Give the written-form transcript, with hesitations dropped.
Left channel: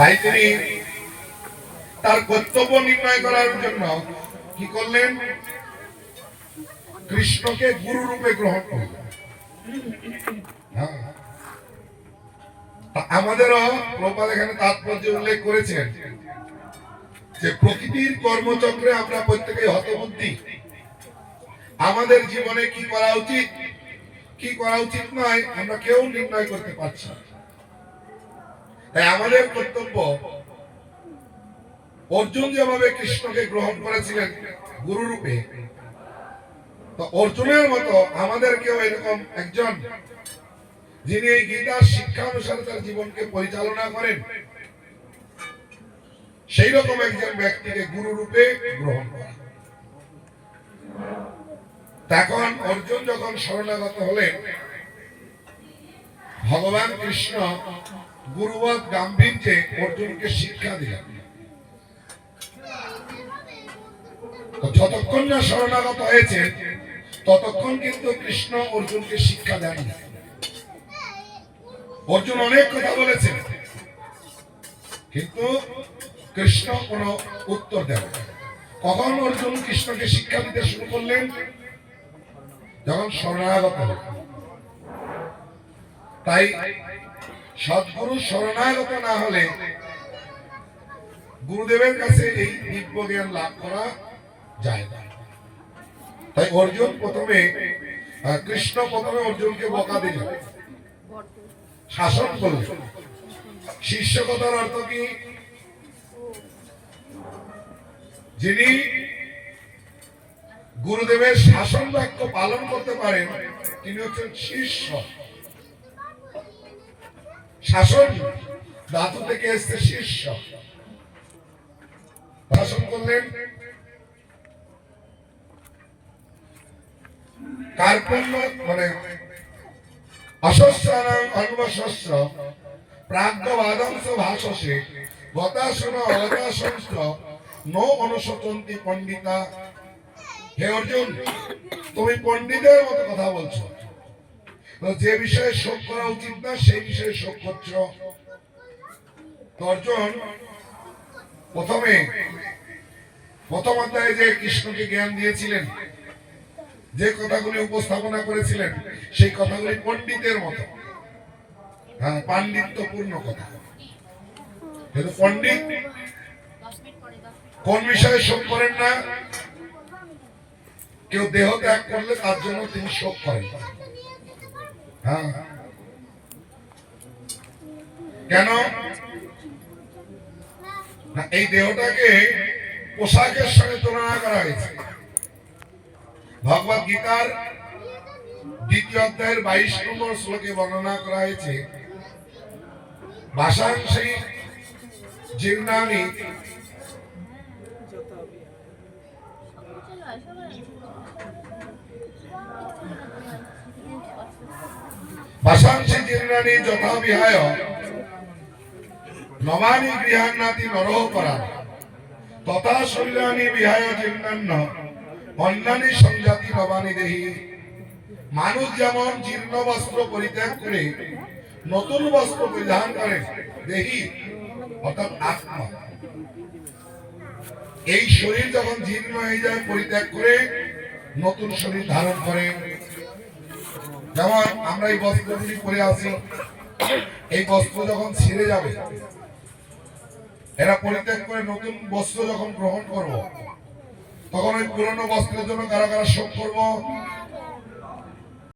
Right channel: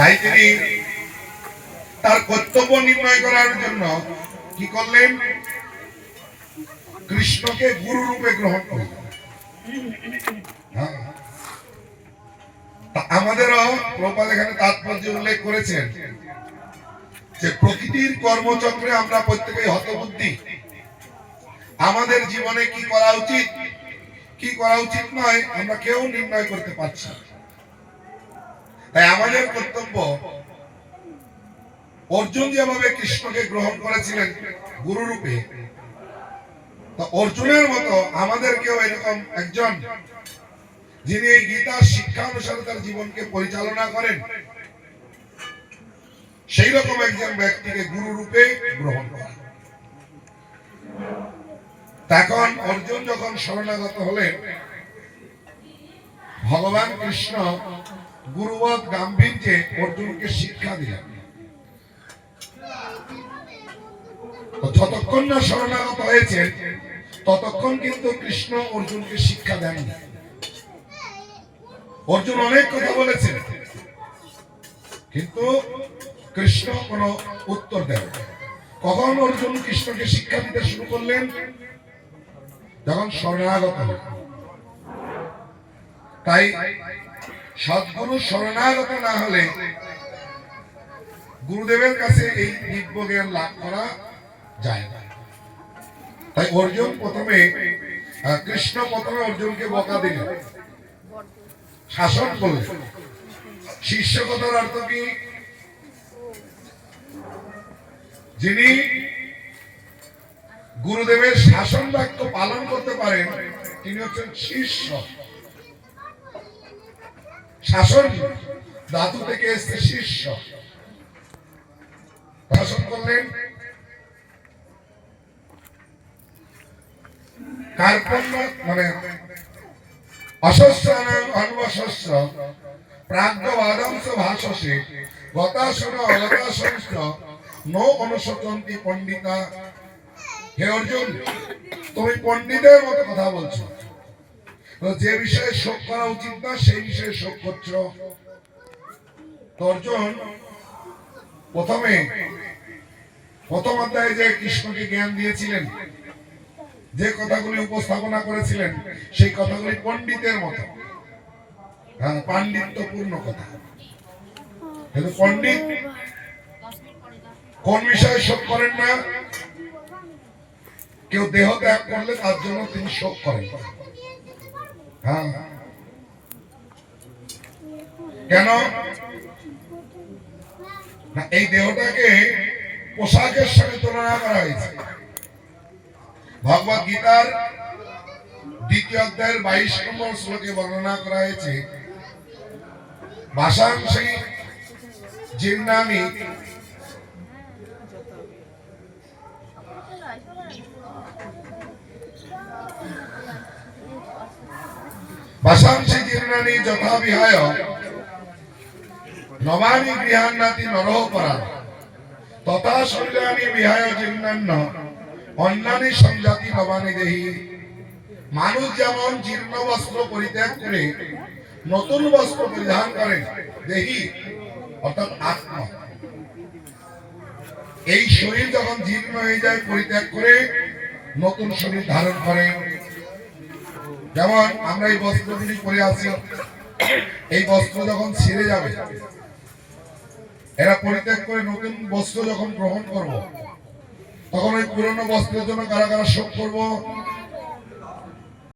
তাই তিনি তার কর্তব্য নির্ণয় করার জন্য কি করলেন? কৃষ্ণকে গুরু রূপে গ্রহণ করলেন। আমাদেরও প্রভুপাদ এখানে তাৎপর্য উল্লেখ করেছেন যে প্রকৃতির কর্মচক্রে আমরা প্রত্যেকেই হতবুদ্ধি। আমাদের জীবনে কি করা উচিত, কি করা উচিত নয়, আমরা কেউ নির্ণয় করতে পারছি না। তাই আমাদের কর্তব্য, অর্জুন যেভাবে কৃষ্ণকে গ্রহণ করেছিলেন গুরু রূপে, তো অর্জুনের মতো আমাদেরকেও এরকম একজন যিনি এই গীতার শিক্ষা অনুসারে তার জীবনকে পরিচালনা করেন, সেই রকম একজন ব্যক্তিকে গুরু রূপে গ্রহণ করা। তখন অর্জুন যখন শরণাগত হলেন, ভগবান কৃষ্ণ গুরুবৎ গাম্ভীর্যে অর্জুনকে শিক্ষা দিলেন। যতক্ষণ না শরণাগত হয়েছে ততক্ষণ কিন্তু কৃষ্ণ অর্জুনকে শিক্ষা দেয়নি। অর্জুন অনেক কথা বলেছেন, কিন্তু কৃষ্ণ কোনো উত্তর দেয়। কখন অর্জুন কৃষ্ণকে শিক্ষা দিতে শুরু করলেন? যখন শরণাগত হলেন। তাই সদ্গুরু শরণাগত না হলে গুরুদেবের কাছে এই দিব্য জ্ঞান লাভ করা যায় না। তাই অর্জুন প্রথমে, কৃষ্ণ প্রথমে অর্জুনকে বকা দিলেন, শাসন করলেন। শিষ্যকতার অর্থ কি? যিনি গুরুদেবের শাসন বাক্য পালন করতে পারেন তিনি হচ্ছেন শিষ্য। শাসন ধাতু থেকে এসেছে শিষ্য। শাসন করলেন। কার্পণ্য মানে অশস্যানাং অনুবশস্য প্রাজ্ঞবাদংস ভাষসে গতাসন অগতাসংস নো অনুশোচন্তি পণ্ডিতা। হে অর্জুন, তুমি পণ্ডিতের মতো কথা বলছো, যে বিষয়ে শোক করা উচিত না সেই বিষয়ে শোক করছো। অর্জুন প্রথম অধ্যায়ে যে কৃষ্ণকে জ্ঞান দিয়েছিলেন, যে কথাগুলি উপস্থাপনা করেছিলেন, সেই কথাগুলি পণ্ডিতের মতো, পাণ্ডিত্যপূর্ণ কথা। কিন্তু পণ্ডিত কোন বিষয়ে শোক করেন না? কেউ দেহ ত্যাগ করলে তার জন্য তিনি শোক করেন। কেন? এই দেহটাকে পোশাকের সঙ্গে তুলনা করা হয়েছে। ভগবত গীতার 2য় অধ্যায়ের 22 নম্বর শ্লোকে বর্ণনা করা হয়েছে, ভাষাংসি জীর্ণানি ভাষাংসি জীর্ণানি যথা বিহায় নবানি গৃহান্নাতি নরহ পরা তথা শৈলানি বিহায় জীর্ণান্ন অন্যানি সংজাতি নবানি দেহি। মানুষ যেমন জীর্ণ বস্ত্র পরিত্যাগ করে নতুন বস্ত্র পরিধান করে, দেহি অর্থাৎ আত্মা, এই শরীর যখন জীর্ণ হয়ে যায় পরিত্যাগ করে নতুন শরীর ধারণ করে। যেমন আমরা এই বস্ত্রগুলি পরে আছি, এই বস্ত্র যখন ছিঁড়ে যাবে, এরা পরিত্যাগ করে নতুন বস্ত্র যখন গ্রহণ করব, তখন ওই পুরনো বস্ত্রের জন্য কারা কারা শোক করব?